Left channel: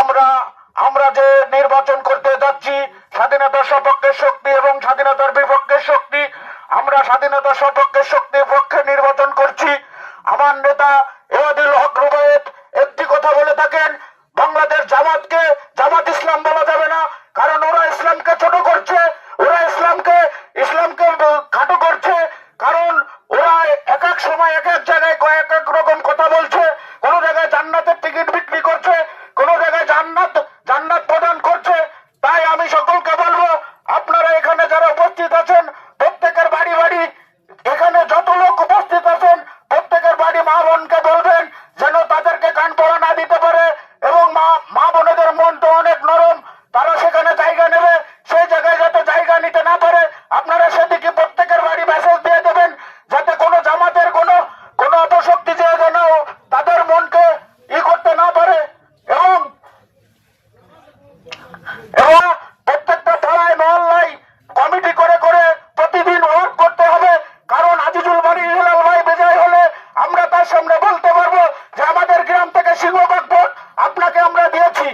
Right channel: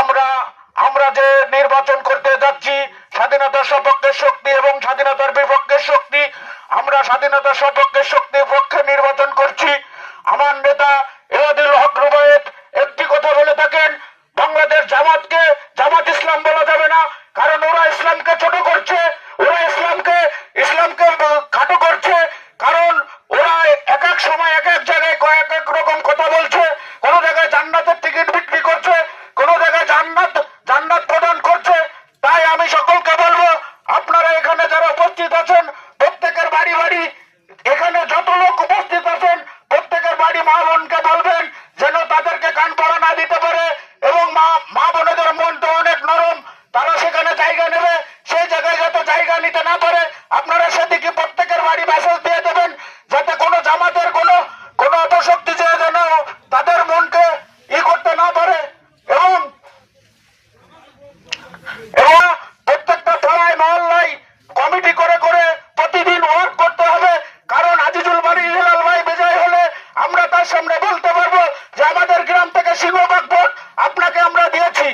আমরা আমরা যে নির্বাচন করতে যাচ্ছি স্বাধীনতার সপক্ষের শক্তি এবং স্বাধীনতার বিপক্ষের শক্তি, আমরা স্বাধীনতার সপক্ষের শক্তির পক্ষে নির্বাচন করছি। আমার নেতা এওয়াদুল হক রুবায়েত একটি কথা বলে থাকেন, বাংলাদেশ জামাতকে জামাত ইসলাম বলা যাবে না, কারণ ওরা ইসলামকে ছোট করছে, ওরা ইসলামকে খাটো করছে, কারণ ওরা এক এক সময় এক এক জায়গায় কয়েক এক রকম কথা বলছে। কোন জায়গায় জান্নাতের টিকিট বিক্রি করছে, কোন জায়গায় জান্নাত প্রদান করছে। তাই আমি সকলকে বলবো, আপনারা এখানে যারা উপস্থিত আছেন প্রত্যেকের বাড়ি বাড়ি, এখানে যত লোক উপস্থিত আছেন প্রত্যেকের বাড়ি মা বোনকে বলবেন যেন তাদেরকে কান পড়া না দিতে পারে, এবং মা বোনেদের মন তো অনেক নরম, তারা সেখানে জায়গা নেবে, সেই জায়গায় যাতে জায়গা নিতে না পারে আপনারা সেদিকে প্রত্যেকের বাড়ি মেসেজ দিয়ে দেবেন, যাতে কোনো জামাতের কোনো অপশক্তি যে যেন তাদের মনকে করতে না পারে। এবং প্রত্যেকটা পাড়ায় মহল্লায় কমিটি করে করে প্রতিদিন ওয়ার্ক করতে হবে, কারণ আজিজুল বাড়ি হিলাল ভাই বেজায় হলে আমরা তার সামনে বলতে পারবো যে আমাদের গ্রাম থেকে সিংহবাগ ভোট আপনাকে আমরা দিয়েছি।